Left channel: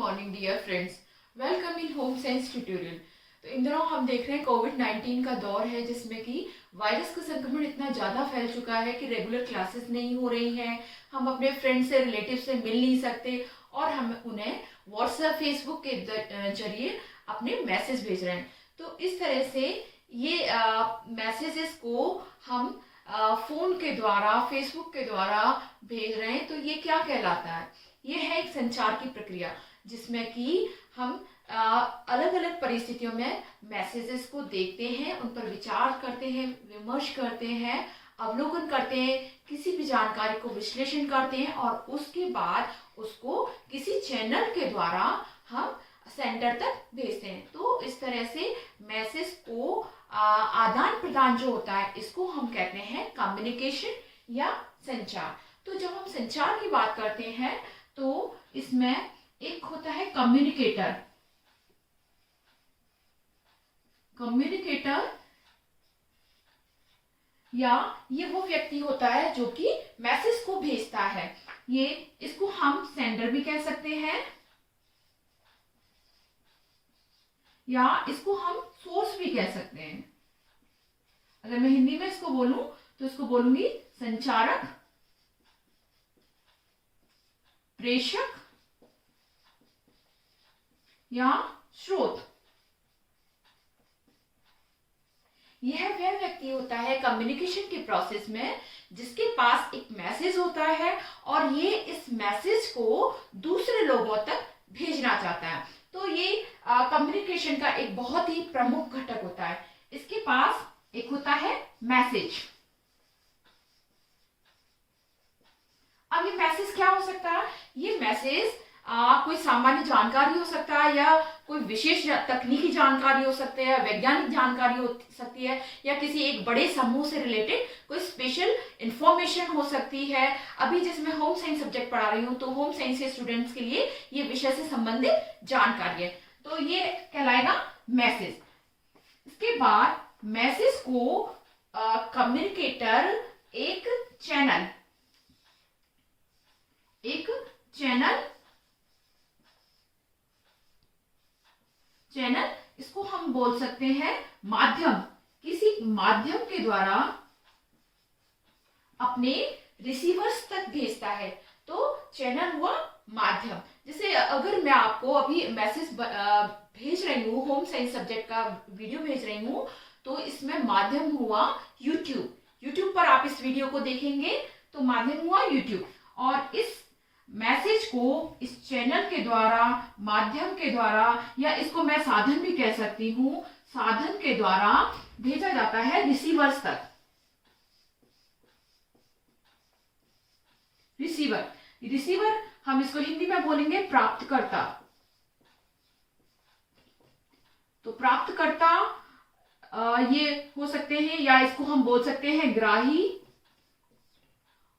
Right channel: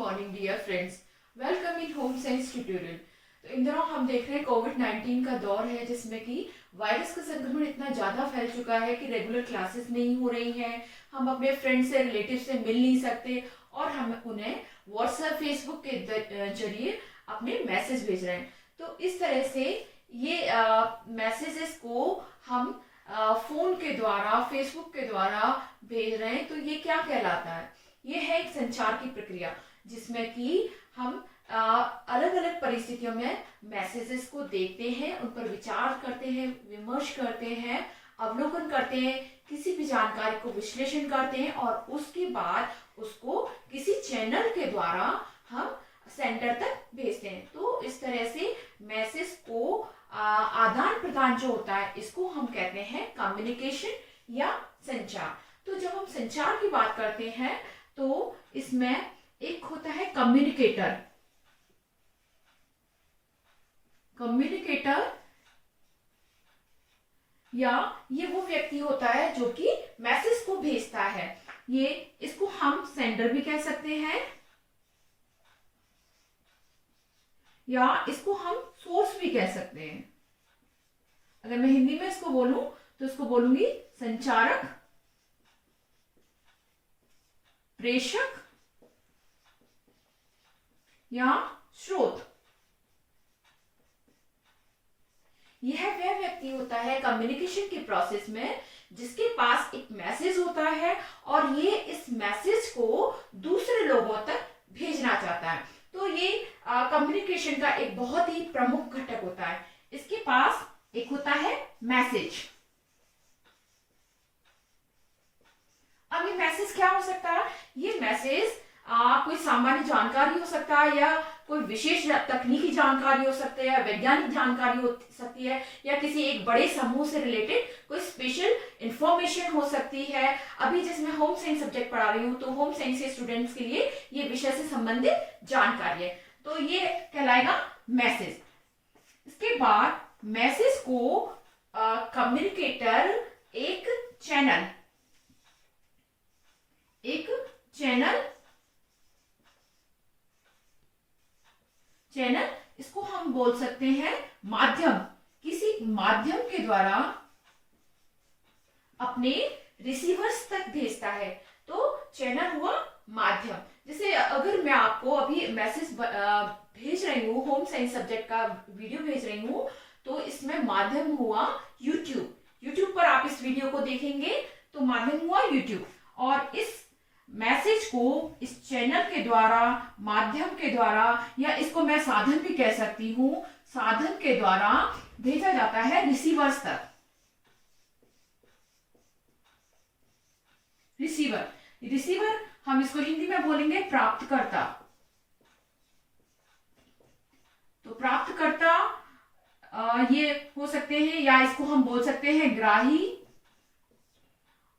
Morning dear friends, welcome in home science tutorial. तो इन दिनों हम देख रहे हैं कोविड-19 का दौर है, जिसमें कि वायरस का संक्रमण इतना ज़्यादा फैल चुका है कि रेगुलर क्लासेस नहीं हो रही हैं। हम अपने फ्रेंड से, रिलेटिव से मिल नहीं सकते और हम उन्हें व्हाट्सएप, फेसबुक के जरिए अपने मैसेज भेज रहे हैं। तो इस तरह से ये मैसेजेस को हम फ़ोन के द्वारा, फेसबुक के द्वारा भेज रहे हैं। तो ये क्या कहलाता है? ये है एक संचार की प्रक्रिया, जिसमें कि हम अलग अलग परिस्थितियों में मैसेजेस को देखते हैं, उन पर विचार करते हैं, विमर्श करते हैं, अवलोकन करते हैं, किसी भी जानकारी को विश्लेषण करते हैं और उसके बाद उसको किसी चैनल के द्वारा हम सेंटर तक भेजते हैं। तो इस तरह से मैसेज को आदान प्रदान जो होता है, इसको हम कहते हैं कम्युनिकेशन या संचार। तो जब हम संचार की बात करते हैं तो इसमें एक होता है कम्युनिकेटर। कम्युनिकेटर या ये वो व्यक्ति होता है जो कि मैसेज को भेजता है। ये इसको हम सेंडर भी कह सकते हैं या इसको हम सोर्स भी कह सकते हैं। अगर मैं हिंदी में इसको बोलूं तो इसको बोलूंगी संचारक, प्रेषक या स्रोत। यह वह व्यक्ति होता है कम्युनिकेशन के प्रोसेस में जिसके पास एक मैसेज होता है और ये इस मैसेज को दूसरे लोगों तक भेजना चाहता है। तो ये कम्युनिकेशन का एक बहुत ही प्रमुख घटक होता है। इसके पास एक होता है मैसेज। अब ये मैसेज क्या हो सकता है? ये मैसेज कोई सामान्य जानकारी हो सकता है या कोई विशेष तकनीकी जानकारी हो सकती है, वैज्ञानिक जानकारी हो सकती है या किसी एक बड़े समूह से रिलेटेड कोई स्पेशल इंफॉर्मेशन हो सकती है। अभी जैसे मैं होम साइंस सब्जेक्ट पढ़ा रही हूँ तो होम साइंस के स्टूडेंट्स के लिए ये विषय से संबंधित जानकारी है, तो ये कहलाएगा मैसेज। इसके बाद मैसेज को कम्युनिकेटर एक चैनल इसको हम बोल सकते हैं माध्यम, किसी माध्यम के द्वारा अपने रिसीवर्स तक भेजता है। तो चैनल हुआ माध्यम। जैसे अगर मैं आपको अभी मैसेज भेज रही हूँ, होम साइंस सब्जेक्ट का वीडियो भेज रही हूँ, तो इसमें माध्यम हुआ यूट्यूब पर आप इस वीडियो को देखेंगे तो माध्यम हुआ यूट्यूब। और इस मैसेज को इस चैनल के द्वारा, माध्यम के द्वारा, या इसको मैं साधन भी कह सकती हूँ, साधन के द्वारा भेजा जाता है रिसीवर्स तक। रिसीवर हम इसको हिंदी में बोलेंगे प्राप्तकर्ता। तो प्राप्तकर्ता ये हो सकते हैं, या इसको हम बोल सकते हैं ग्राही,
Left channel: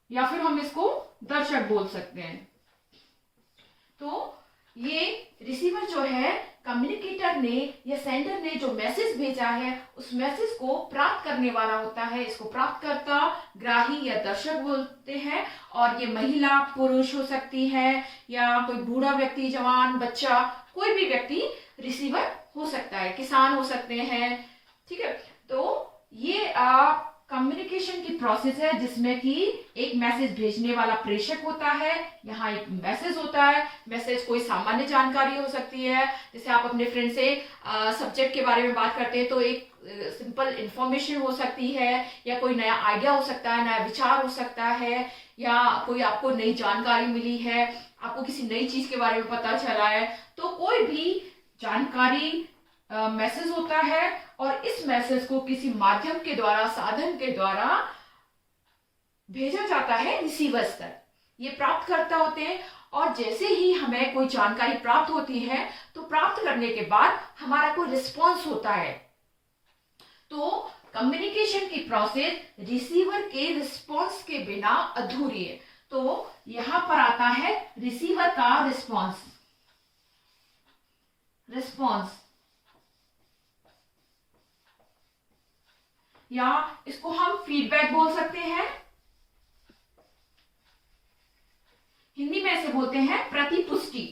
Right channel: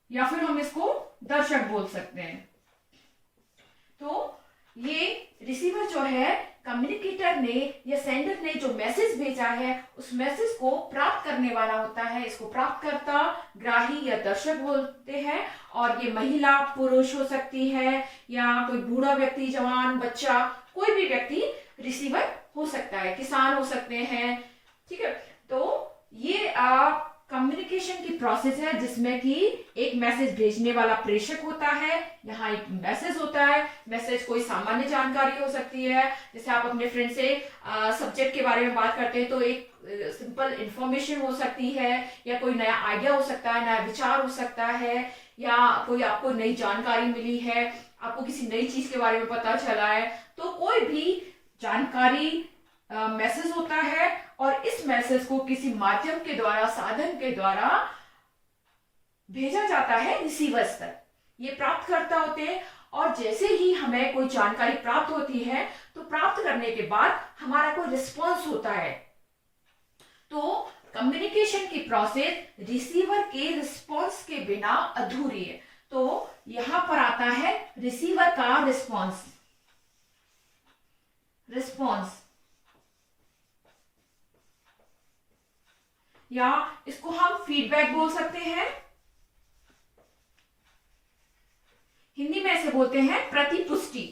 या फिर हम इसको दर्शक बोल सकते हैं। तो ये रिसीवर जो है, कम्युनिकेटर ने या सेंडर ने जो मैसेज भेजा है उस मैसेज को प्राप्त करने वाला होता है। इसको प्राप्तकर्ता, ग्राही या दर्शक बोलते हैं। और ये महिला, पुरुष हो सकती है या कोई बूढ़ा व्यक्ति, जवान, बच्चा, कोई भी व्यक्ति रिसीवर हो सकता है, किसान हो सकते हैं। ठीक है, तो ये कम्युनिकेशन की प्रोसेस है जिसमें कि एक मैसेज भेजने वाला प्रेषक होता है, यहाँ एक मैसेज होता है। मैसेज कोई सामान्य जानकारी हो सकती है, जैसे आप अपने फ्रेंड से सब्जेक्ट के बारे में बात करते हैं तो एक सिंपल इंफॉर्मेशन हो सकती है, या कोई नया आइडिया हो सकता है, नया विचार हो सकता है, या कोई आपको नई जानकारी मिली है, आपको किसी नई चीज के बारे में पता चला है। तो कोई भी जानकारी मैसेज होता है और इस मैसेज को किसी माध्यम के द्वारा, साधन के द्वारा भेजा जाता है रिसीवर्स तक। ये प्राप्तकर्ता होते हैं। और जैसे ही हमें कोई जानकारी प्राप्त होती है तो प्राप्त करने के बाद हमारा कोई रिस्पॉन्स होता है। तो कम्युनिकेशन की प्रोसेस रिसीवर के रिस्पॉन्स के बिना अधूरी है। तो यहां पर आता है रिसीवर का रिस्पॉन्स। या इसको हम फीडबैक बोल सकते हैं, हिंदी में इसे बोलते हैं प्रतिपुष्टि।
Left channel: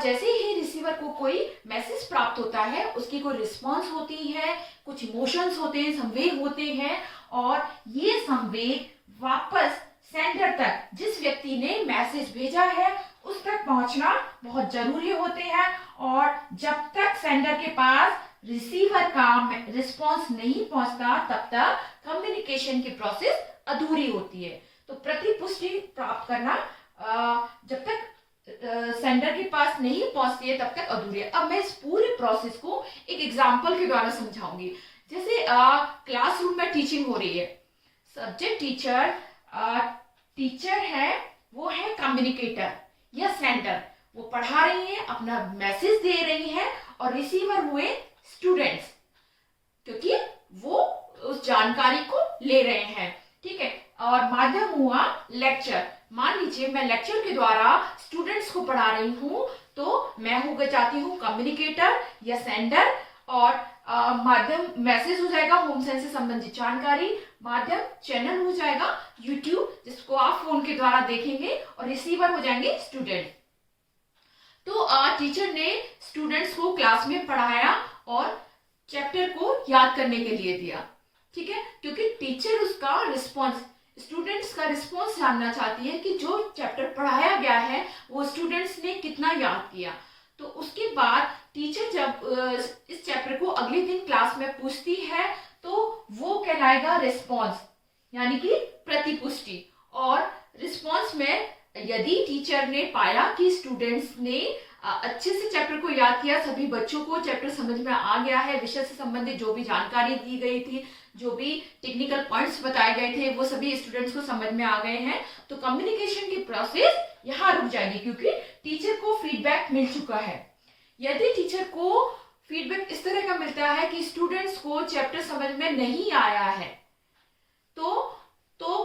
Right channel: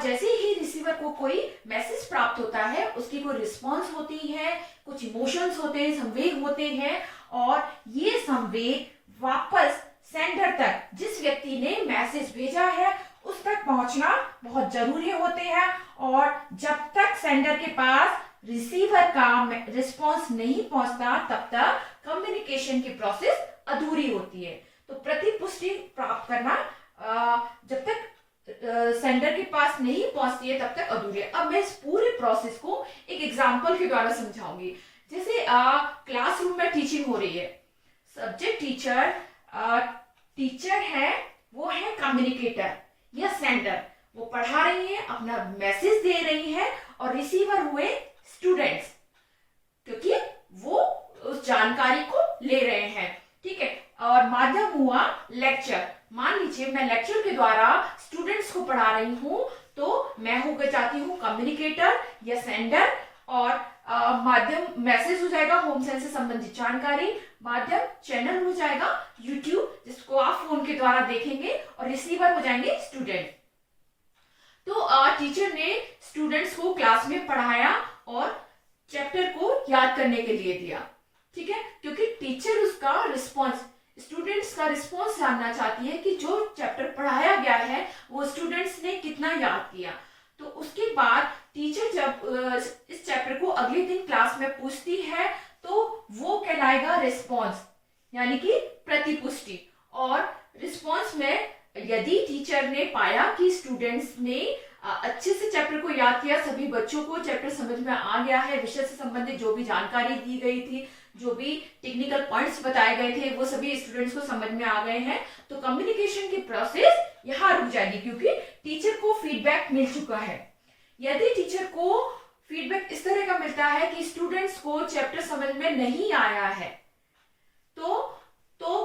और जैसे ही रिसीवर को कोई मैसेज प्राप्त होता है, उसकी कोई रिस्पॉन्स होती है, कुछ इमोशंस होते हैं, संवेग होते हैं, और ये संवेग वापस सेंडर तक, जिस व्यक्ति ने मैसेज भेजा है उस तक पहुंचना बहुत जरूरी होते हैं। और जब तक सेंडर के पास रिसीवर का रिस्पॉन्स नहीं पहुंचता तब तक कम्युनिकेशन की प्रोसेस अधूरी होती है। तो प्रतिपुष्टि प्राप्त करना जब तक सेंडर के पास नहीं पहुंचती है तब तक अधूरी है। अब मैं इस पूरे प्रोसेस को एक एग्जांपल के द्वारा समझाऊंगी। जैसे क्लासरूम में टीचिंग हो रही है, सब्जेक्ट टीचर टीचर है, वो है कम्युनिकेटर या सेंडर, वो पढ़ा रही है, अपना मैसेज दे रही है, और रिसीवर हुए स्टूडेंट्स, क्योंकि वो उस जानकारी को ले रहे हैं, ठीक है। और माध्यम हुआ लेक्चर। मान लीजिए मैं लेक्चर के द्वारा स्टूडेंट्स को पढ़ा रही हूं, तो मैं हो जाती हूँ कम्युनिकेटर या सेंडर, और माध्यम मैसेज हो जाएगा होम साइंस से संबंधित जानकारी, माध्यम चैनल हो जाएगा यूट्यूब जिसको आप फोन के द्वारा देखेंगे, और रिसीवर हो जाएंगे स्टूडेंट। तो टीचर ने स्टूडेंट्स को क्लास में पढ़ाया और चैप्टर को याद करने के लिए दिया, ठीक है, क्योंकि टीचर उसका रिस्पॉन्स, स्टूडेंट्स का रिस्पॉन्स जानना चाहती है कि जो चैप्टर पढ़ाया गया है वो स्टूडेंट्स ने कितना याद किया। तो उसके बाद टीचर जब इस चैप्टर को अगले दिन क्लास में पूछती है तो वो कहलाएगा रिस्पॉन्स, यानी कि प्रतिपुष्टि। और रिस्पॉन्स में यदि टीचर ने पाया कि स्टूडेंट्स ने अच्छे से चैप्टर को याद किया, सभी बच्चों को चैप्टर समझ में आ गया है, विषय से संबंधित जो भी जानकारी दी गई थी, जो भी टेक्निकल पॉइंट्स बताए गए थे, वो सभी स्टूडेंट्स को समझ में आ गए हैं, तो कम्युनिकेशन की प्रोसेस यहाँ रुक जाएगी, क्योंकि टीचर को फीडबैक मिल चुका है। यदि टीचर को फीडबैक इस तरह का मिलता है कि स्टूडेंट्स को चैप्टर समझ में नहीं आया है, तो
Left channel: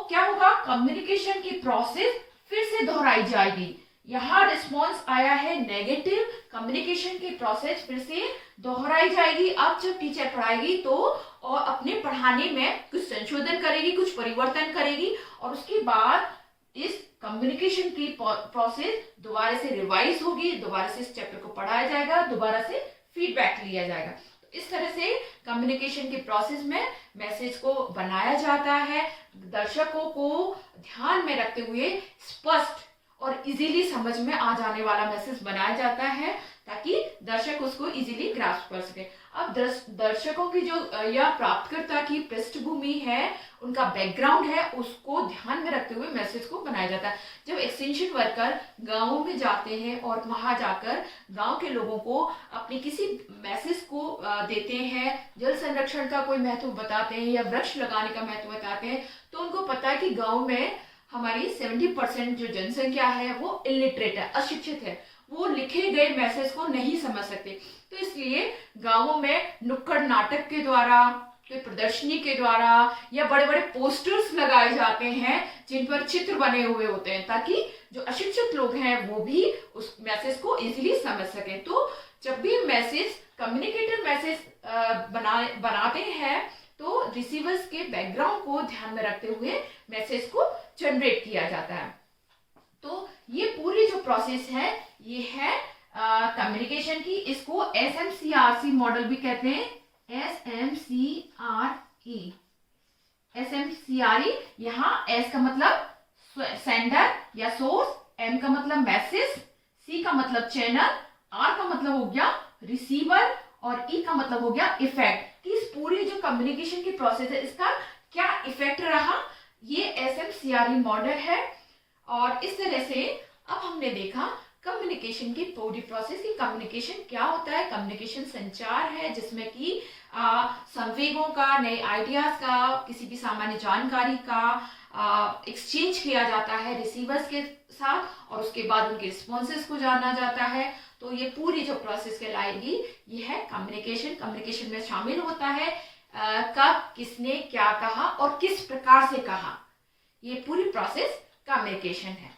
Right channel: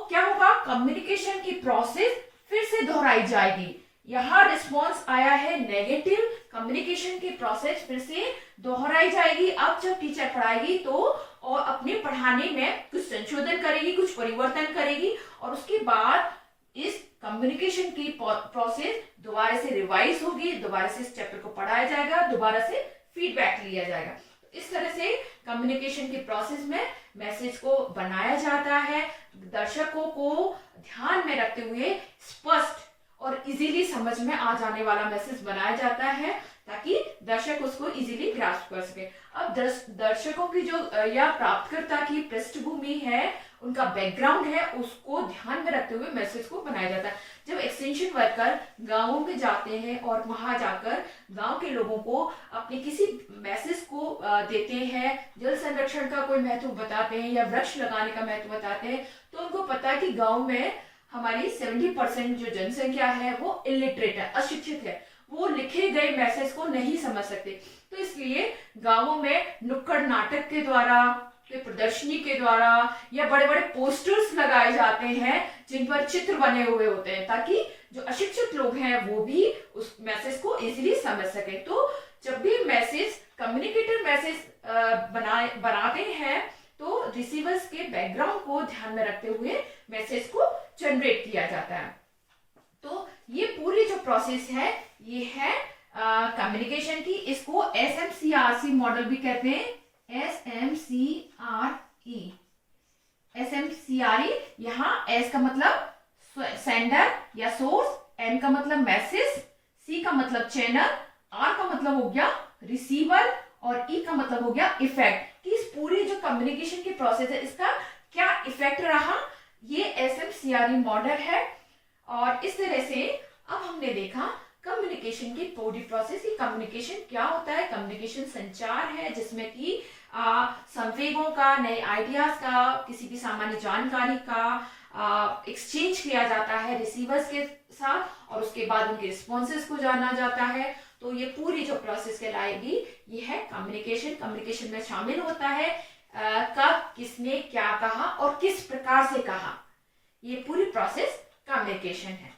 क्या होगा, कम्युनिकेशन की प्रोसेस फिर से दोहराई जाएगी। यहाँ रिस्पॉन्स आया है नेगेटिव, कम्युनिकेशन की प्रोसेस फिर से दोहराई जाएगी। अब जब टीचर पढ़ाएगी तो और अपने पढ़ाने में कुछ संशोधन करेगी, कुछ परिवर्तन करेगी, और उसके बाद इस कम्युनिकेशन की प्रोसेस दोबारा से रिवाइज होगी, दोबारा से इस चैप्टर को पढ़ाया जाएगा, दोबारा से फीडबैक लिया जाएगा। तो इस तरह से कम्युनिकेशन की प्रोसेस में मैसेज को बनाया जाता है, दर्शकों को ध्यान में रखते हुए स्पष्ट और इजीली समझ में आ जाने वाला मैसेज बनाया जाता है, ताकि दर्शक उसको इजीली ग्रास्प कर सके। अब दर्शकों की जो या प्राप्तकर्ता की पृष्ठभूमि है, उनका बैकग्राउंड है, उसको ध्यान में रखते हुए मैसेज को बनाया जाता है। जब एक्सटेंशन वर्कर गांवों में जाते हैं और वहां जाकर गांव के लोगों को अपने किसी मैसेज को देते हैं, जल संरक्षण का कोई महत्व बताते हैं या वृक्ष लगाने का महत्व बताते हैं, तो उनको पता है कि गाँव में हमारी 70% जो जनसंख्या है वो इलिटरेट है, अशिक्षित है, वो लिखे गए मैसेज को नहीं समझ सकते। तो इसलिए गांवों में नुक्कड़ नाटक के द्वारा, कोई प्रदर्शनी के द्वारा या बड़े बड़े पोस्टर्स लगाए जाते हैं जिन पर चित्र बने हुए होते हैं, ताकि जो अशिक्षित लोग हैं वो भी उस मैसेज को इजीली समझ सके। तो जब भी मैसेज कम्युनिकेटर मैसेज बनाते हैं तो रिसीवर्स के बैकग्राउंड को ध्यान में रखते हुए मैसेज को जनरेट किया जाता है। तो ये पूरी जो प्रोसेस है ये है कम्युनिकेशन की। इसको SMCRC मॉडल भी कहते हैं, SMCRE। यहाँ S का मतलब सेंडर या सोर्स, M का मतलब मैसेज, C का मतलब चैनल, R का मतलब हो गया रिसीवर, और E का मतलब हो गया इफेक्ट। कि इस पूरी जो कम्युनिकेशन की प्रोसेस है इसका क्या इफेक्ट रहा, ये SMCRE मॉडल है। और इस तरह से अब हमने देखा कम्युनिकेशन की पूरी प्रोसेस की। कम्युनिकेशन क्या होता है, कम्युनिकेशन संचार है जिसमें कि संवेगों का, नए आइडियाज का, किसी भी सामान्य जानकारी का एक्सचेंज किया जाता है रिसीवर्स के साथ, और उसके बाद उनके रिस्पॉन्सेस को जाना जाता है। तो ये पूरी जो प्रोसेस कहलाएगी ये है कम्युनिकेशन। कम्युनिकेशन में शामिल होता है कब, किसने क्या कहा और किस प्रकार से कहा, ये पूरी प्रोसेस कम्युनिकेशन है।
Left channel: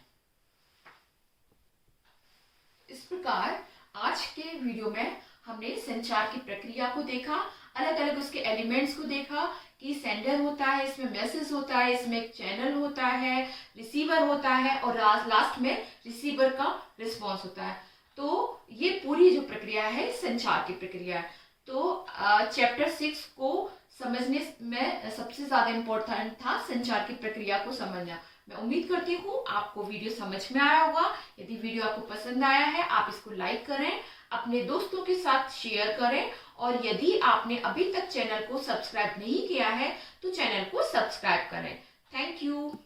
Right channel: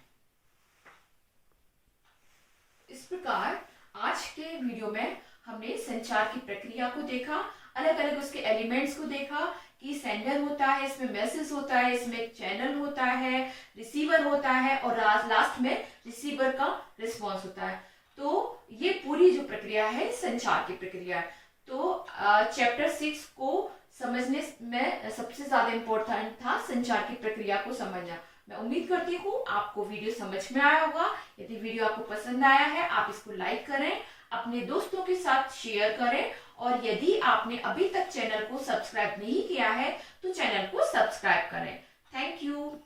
इस प्रकार आज के वीडियो में हमने संचार की प्रक्रिया को देखा, अलग अलग उसके एलिमेंट्स को देखा कि सेंडर होता है, इसमें मैसेज होता है, इसमें एक चैनल होता है, रिसीवर होता है, और लास्ट में रिसीवर का रिस्पॉन्स होता है। तो ये पूरी जो प्रक्रिया है संचार की प्रक्रिया है। तो चैप्टर 6 को समझने में सबसे ज्यादा इम्पोर्टेंट था संचार की प्रक्रिया को समझना। मैं उम्मीद करती हूँ आपको वीडियो समझ में आया होगा। यदि वीडियो आपको पसंद आया है, आप इसको लाइक करें, अपने दोस्तों के साथ शेयर करें, और यदि आपने अभी तक चैनल को सब्सक्राइब नहीं किया है तो चैनल को सब्सक्राइब करें। Thank you.